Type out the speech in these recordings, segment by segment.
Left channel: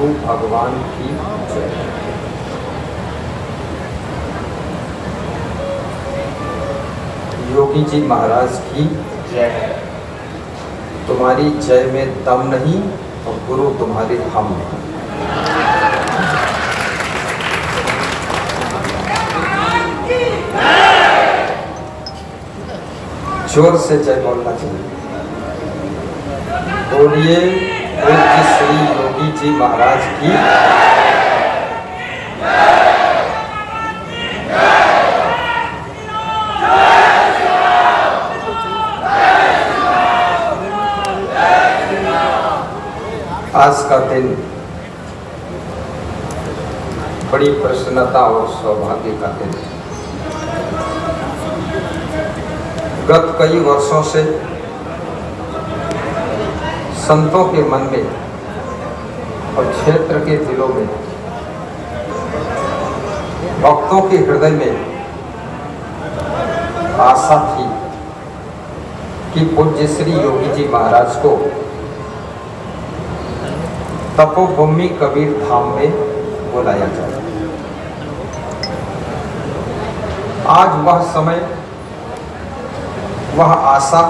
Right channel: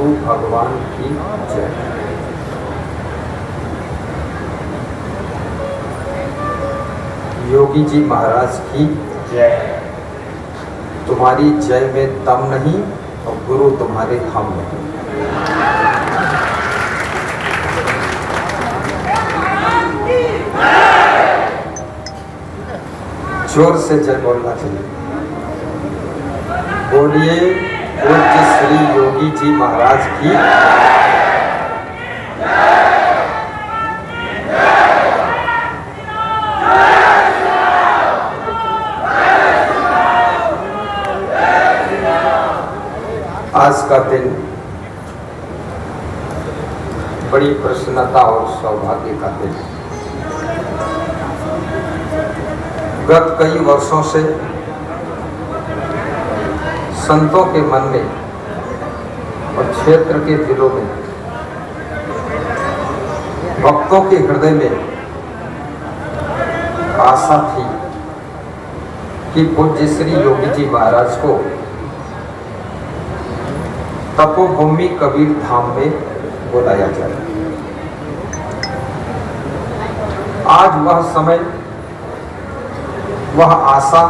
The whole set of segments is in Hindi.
गुरु भगवान की जय। योगी जी महाराज की जय। तुम्हारी जय में दम नहीं और गुरु तुम्हारे हम नहीं। जोर से जय बोलना चाहिए। बोलिए पूज्य श्री योगी जी महाराज की। आज का दिन बड़ी प्रसन्नता और सौभाग्य का दिन है। गत कई वर्षों से संतों के मन में और क्षेत्र के दिलों में, भक्तों के हृदय में आशा थी कि पूज्य श्री योगी जी महाराज को तपोभूमि कबीर धाम में बुलाया जाए। आज वह समय, वह आशा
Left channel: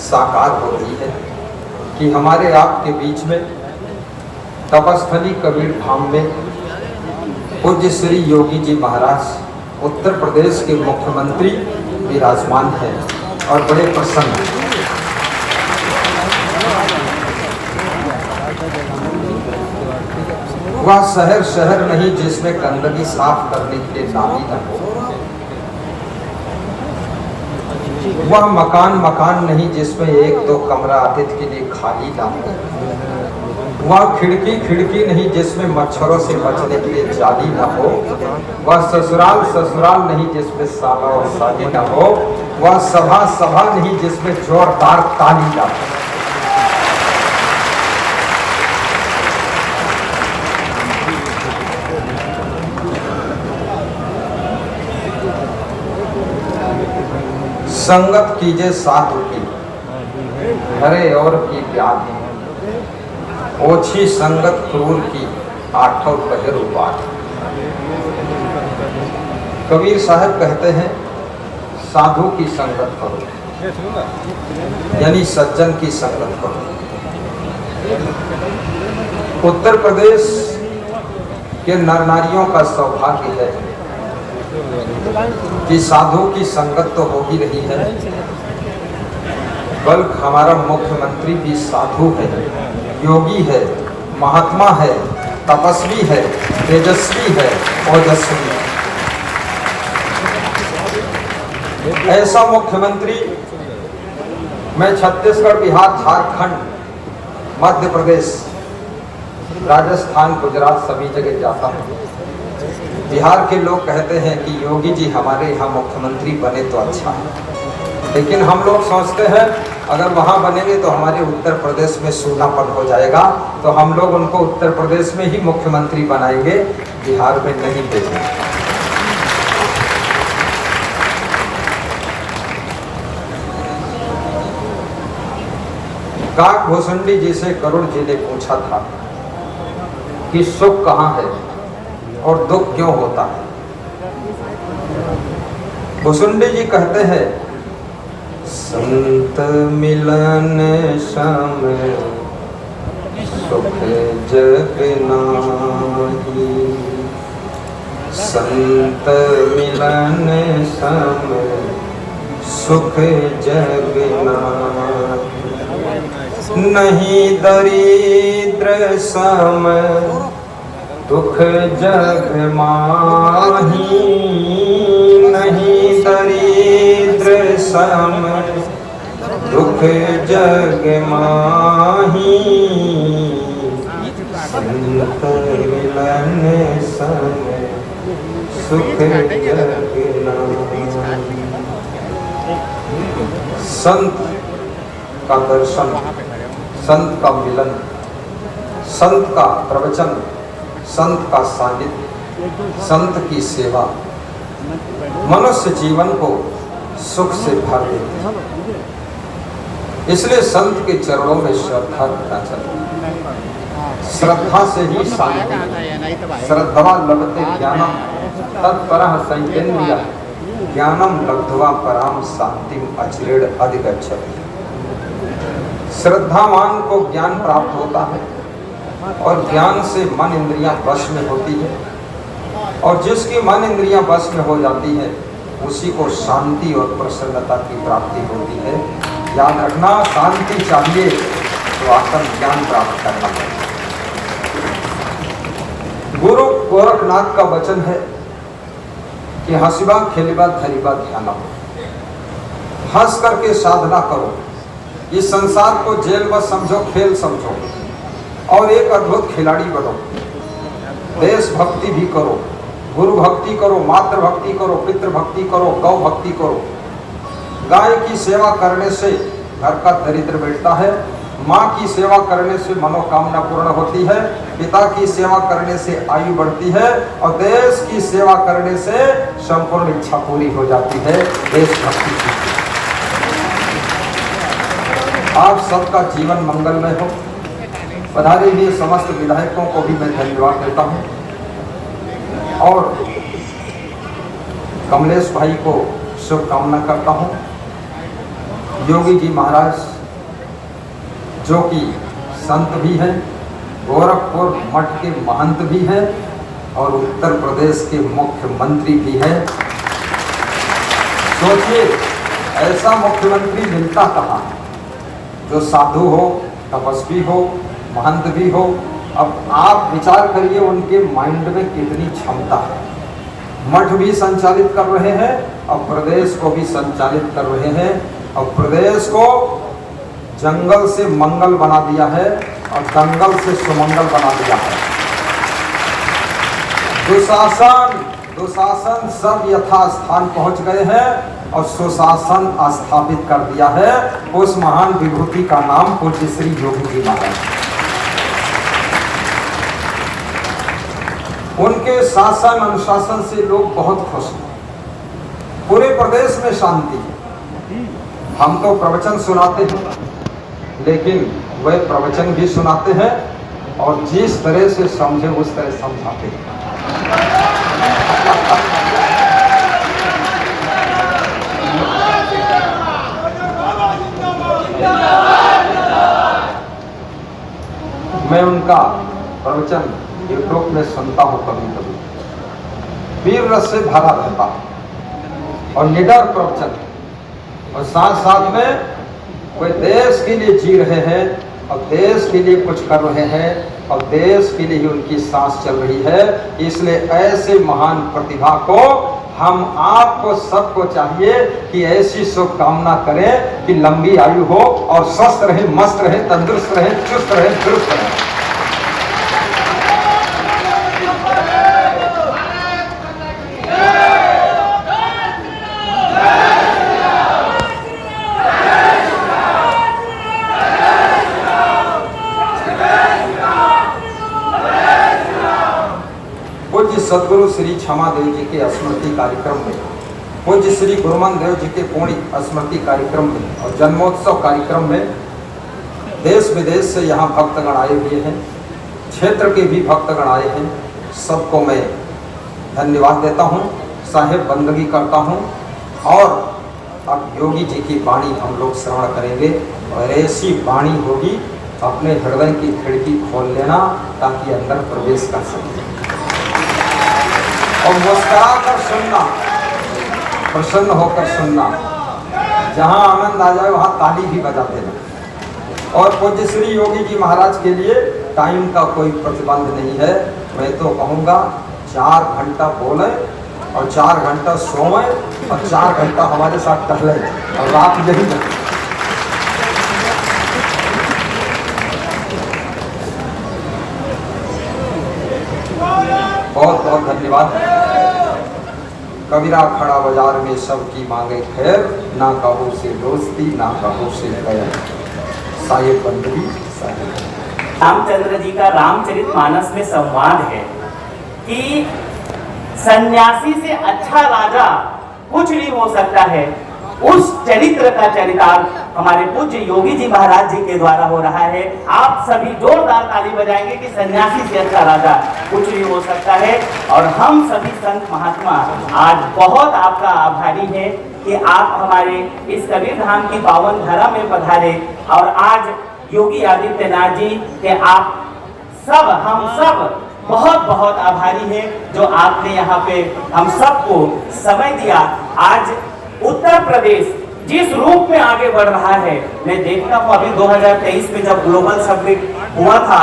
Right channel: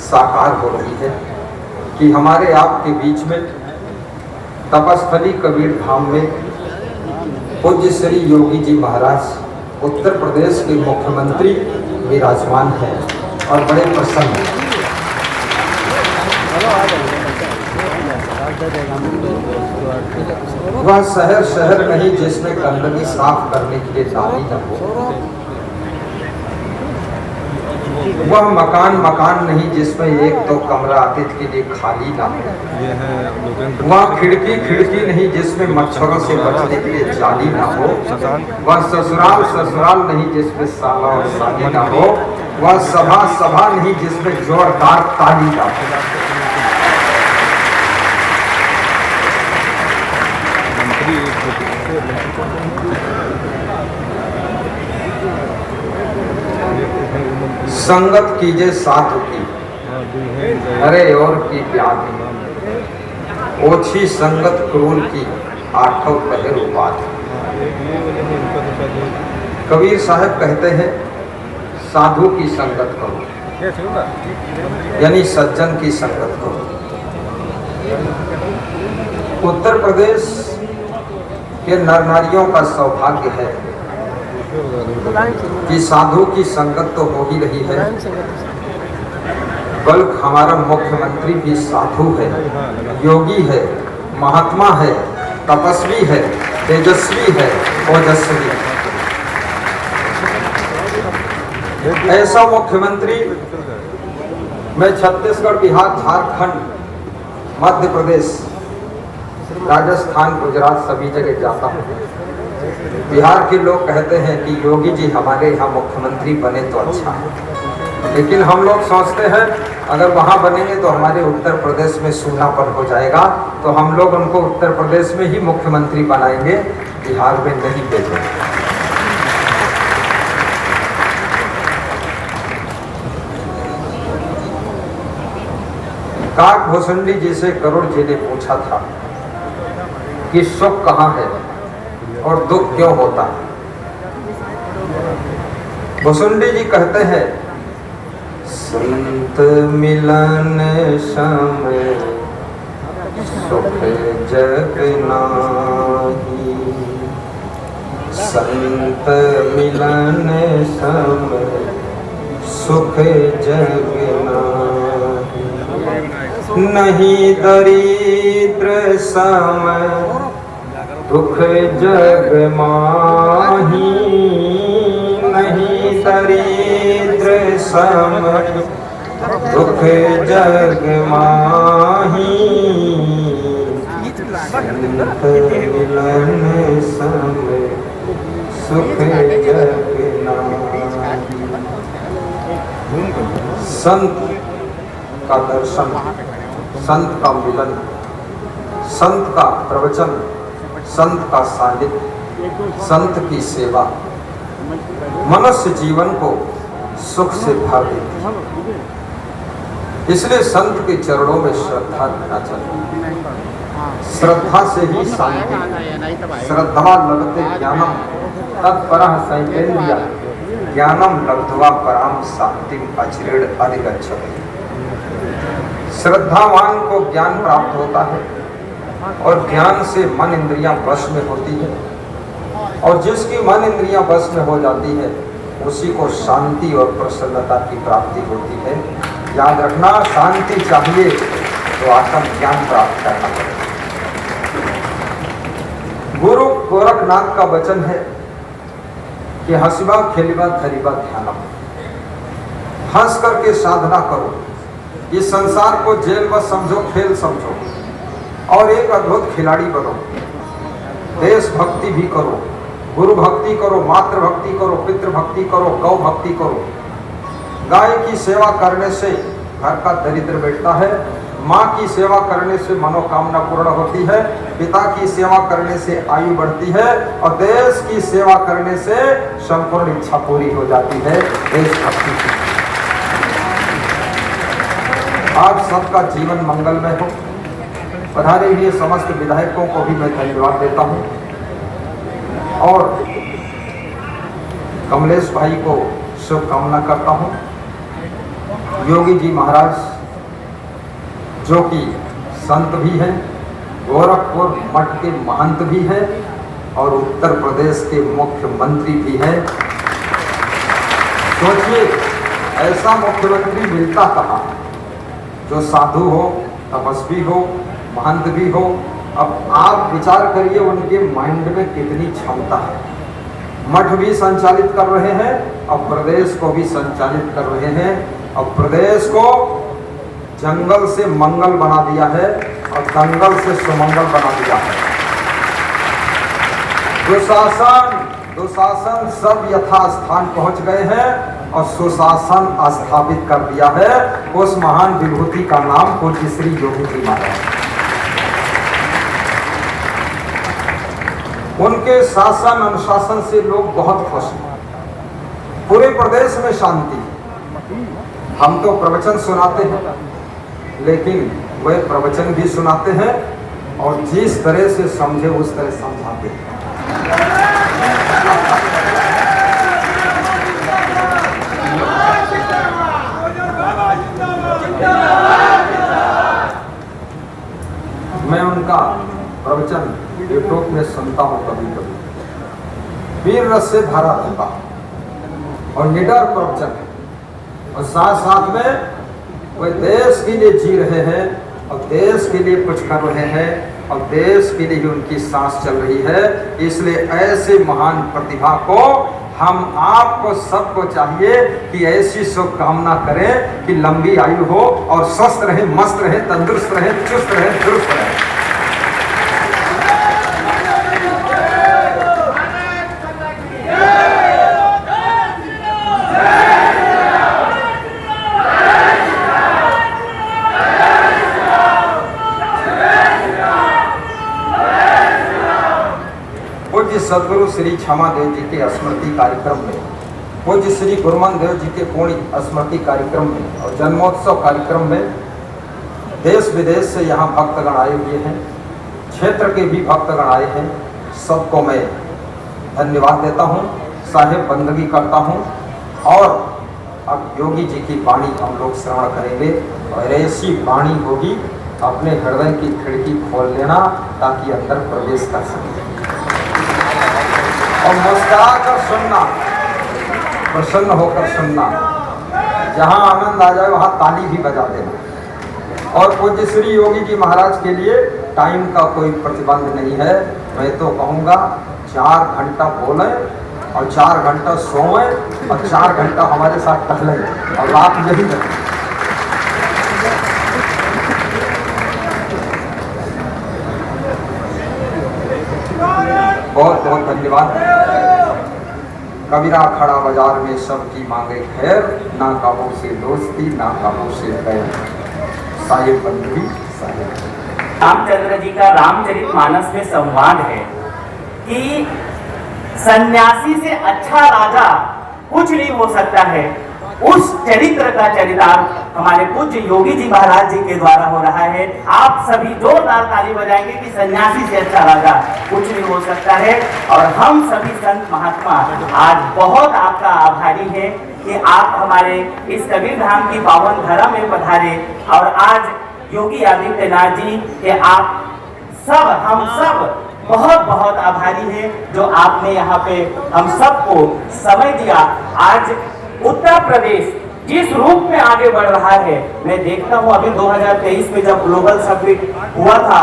साकार हो रही है कि हमारे आपके बीच में तपस्थली कबीर धाम में पूज्य श्री योगी जी महाराज उत्तर प्रदेश के मुख्यमंत्री विराजमान हैं और बड़े प्रसन्न हैं। वह शहर नहीं जिसमें गंदगी साफ करने के लिए नाली न हो। वह मकान नहीं जिसमें एक दो कमरा अतिथि के लिए खाली ना हो। वह खिड़की नहीं जिसमें मच्छरों से बचने के लिए जाली ना हो। वह ससुराल नहीं जिसमें शादी ना हो। वह सभा नहीं जिसमें जोरदार ताली ना हो। संगत कीजिए साथ की, अरे और की ब्याह ओछी संगत क्रूर की, आठव कहे बात। कबीर साहब कहते हैं साधु की संगत करो, यानी सज्जन की संगत करो। उत्तर प्रदेश के नर नारियों का सौभाग्य है कि साधु की संगत तो हो ही रही है, बल्कि हमारा मुख्यमंत्री भी साधु है, योगी है, महात्मा है, तपस्वी है, तेजस्वी है, ओजस्वी है। ऐसा मुख्यमंत्री मैं छत्तीसगढ़, बिहार, झारखंड, मध्य प्रदेश, राजस्थान, गुजरात सभी जगह जाता हूँ। बिहार के लोग कहते हैं कि योगी जी हमारे यहाँ मुख्यमंत्री बने तो अच्छा है, लेकिन हम लोग सोचते हैं अगर वहाँ बनेंगे तो हमारे उत्तर प्रदेश में सूनापन हो जाएगा, तो हम लोग उनको उत्तर प्रदेश में ही मुख्यमंत्री बनाएंगे, बिहार में नहीं देंगे। काक भुसुंडी जी से करुण जी ने पूछा था कि सुख कहाँ है और दुख क्यों होता है। भुसुंडी जी कहते हैं संत मिलन सम सुख जग नाही, संत मिलन सम सुख जग नाही, नहीं दरिद्र सम दुख जग माही, नहीं दरिद्र सम दुख जग माही, संत मिलन सम सुख जग नाही। संत का दर्शन, संत का मिलन, संत का प्रवचन, संत का सानिध्य, संत की सेवा मनुष्य जीवन को सुख से भर देती है। इसलिए संत के चरणों में श्रद्धा रखना चाहिए। श्रद्धा से ही शांति, श्रद्धवा लभते ज्ञानम तत्परः संयेन्द्रिया ज्ञानम लब्ध्वा पराम शांतिम अचिरेण अधिगच्छति। श्रद्धावान को ज्ञान प्राप्त होता है और ज्ञान से मन इंद्रियां वश में होती है, और जिसकी मन इंद्रियां वश में हो जाती है उसी को शांति और प्रसन्नता की प्राप्ति होती है। याद रखना, शांति चाहिए तो आत्म ज्ञान प्राप्त करना है। गुरु गोरखनाथ का वचन है कि हंसबा खेलबा धरिबा ध्याना, हंस करके साधना करो, इस संसार को जेल व समझो, खेल समझो और एक अद्भुत खिलाड़ी बनो। देशभक्ति भी करो, गुरु भक्ति करो, मातृ भक्ति करो, पितृ भक्ति करो, गौ भक्ति करो। गाय की सेवा करने से घर का दरिद्र मिटता है, माँ की सेवा करने से मनोकामना पूर्ण होती है, पिता की सेवा करने से आयु बढ़ती है और देश की सेवा करने से संपूर्ण इच्छा पूरी हो जाती है। देशभक्ति की आप सबका जीवन मंगलमय हो। पधारे हुए समस्त विधायकों को भी मैं धन्यवाद देता हूँ और कमलेश भाई को शुभकामना करता हूँ। योगी जी महाराज जो कि संत भी हैं, गोरखपुर मठ के महंत भी हैं और उत्तर प्रदेश के मुख्यमंत्री भी हैं। सोचिए, ऐसा मुख्यमंत्री मिलता कहाँ जो साधु हो, तपस्वी हो, महंत भी हो। अब आप विचार करिए उनके माइंड में कितनी क्षमता है। मठ भी संचालित कर रहे हैं और प्रदेश को भी संचालित कर रहे हैं और प्रदेश को जंगल से मंगल बना दिया है और दंगल से सुमंगल बना दिया है। दुशासन सब यथास्थान पहुंच गए हैं और सुशासन स्थापित कर दिया है। उस महान विभूति का नाम पूज्य श्री योगी जी महाराज। उनके शासन अनुशासन से लोग बहुत खुश हैं, पूरे प्रदेश में शांति है। हम तो प्रवचन सुनाते हैं, लेकिन वे प्रवचन भी सुनाते हैं और जिस तरह से समझे उस तरह समझाते हैं। मैं उनका प्रवचन यूट्यूब में सुनता हूँ कभी कभी। वीर रस से भरा रहता है और निडर प्रवचन, और साथ साथ में वे देश के लिए जी रहे हैं और देश के लिए कुछ कर रहे हैं और देश के लिए ही उनकी सांस चल रही है। इसलिए ऐसे महान प्रतिभा को हम आपको सबको चाहिए कि ऐसी शुभकामना करें कि लंबी आयु हो और स्वस्थ रहे, मस्त रहे, तंदुरुस्त रहे, चुस्त रहे, दुरुस्त रहे। सदगुरु श्री क्षमा देव जी के स्मृति कार्यक्रम में, पूज्य श्री गुरुमन देव जी के पूर्ण स्मृति कार्यक्रम में और जन्मोत्सव कार्यक्रम में देश विदेश से यहाँ भक्तगण आए हुए हैं, क्षेत्र के भी भक्तगण आए हैं। सबको मैं धन्यवाद देता हूँ, साहेब बंदगी करता हूँ। और अब योगी जी की वाणी हम लोग श्रवण करेंगे और ऐसी वाणी होगी, अपने हृदय की खिड़की खोल लेना ताकि अंदर प्रवेश कर सके और मुस्कुरा कर सुनना, प्रसन्न होकर सुनना। जहाँ आनंद आ जाए वहाँ ताली भी बजा देना। और पूज्य श्री योगी जी महाराज के लिए टाइम का कोई प्रतिबंध नहीं है। मैं तो कहूँगा 4 घंटा बोले और 4 घंटा सोए और 4 घंटा हमारे साथ टहले और बात यही है। बहुत बहुत धन्यवाद। कबीरा खड़ा बाजार में सबकी मांगे खैर, ना काबू से दोस्ती ना काबू से खैर। साहिब बंदगी साहिब। रामचंद्र जी का रामचरितमानस में संवाद है कि सन्यासी से अच्छा राजा कुछ नहीं हो सकता है। उस चरित्र का चरितार्थ हमारे पूज्य योगी जी महाराज जी के द्वारा हो रहा है। आप सभी जोरदार ताली बजाएंगे कि सन्यासी से अच्छा राजा कुछ नहीं हो सकता है। और हम सभी संत महात्मा आज बहुत आपका आभारी है कि आप हमारे इस कबीर धाम की पावन धरा में पधारे और आज योगी आदित्यनाथ जी के आप सब हम सब बहुत बहुत आभारी है जो आपने यहाँ पे हम सबको समय दिया। आज उत्तर प्रदेश जिस रूप में आगे बढ़ रहा है, मैं देखता हूँ अभी 2023 में जब ग्लोबल समिट हुआ था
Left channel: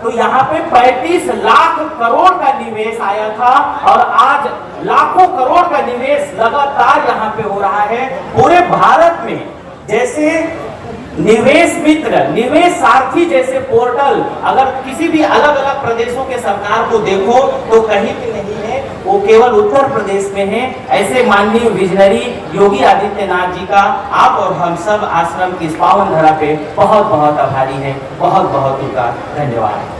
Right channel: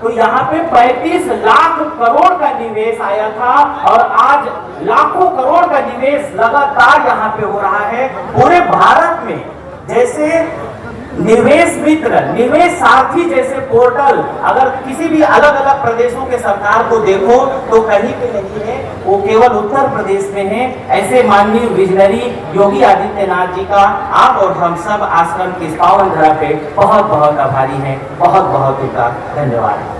तो यहाँ पे 35 लाख करोड़ का निवेश आया था और आज लाखों करोड़ का निवेश लगातार यहाँ पे हो रहा है पूरे भारत में। जैसे निवेश मित्र, निवेश सारथी जैसे पोर्टल अगर किसी भी अलग अलग प्रदेशों के सरकार को देखो तो कहीं पे नहीं है, वो केवल उत्तर प्रदेश में है। ऐसे माननीय विजनरी योगी आदित्यनाथ जी का आप और हम सब आश्रम की इस पावन धरा पे बहुत बहुत आभारी हैं। बहुत बहुत उनका धन्यवाद।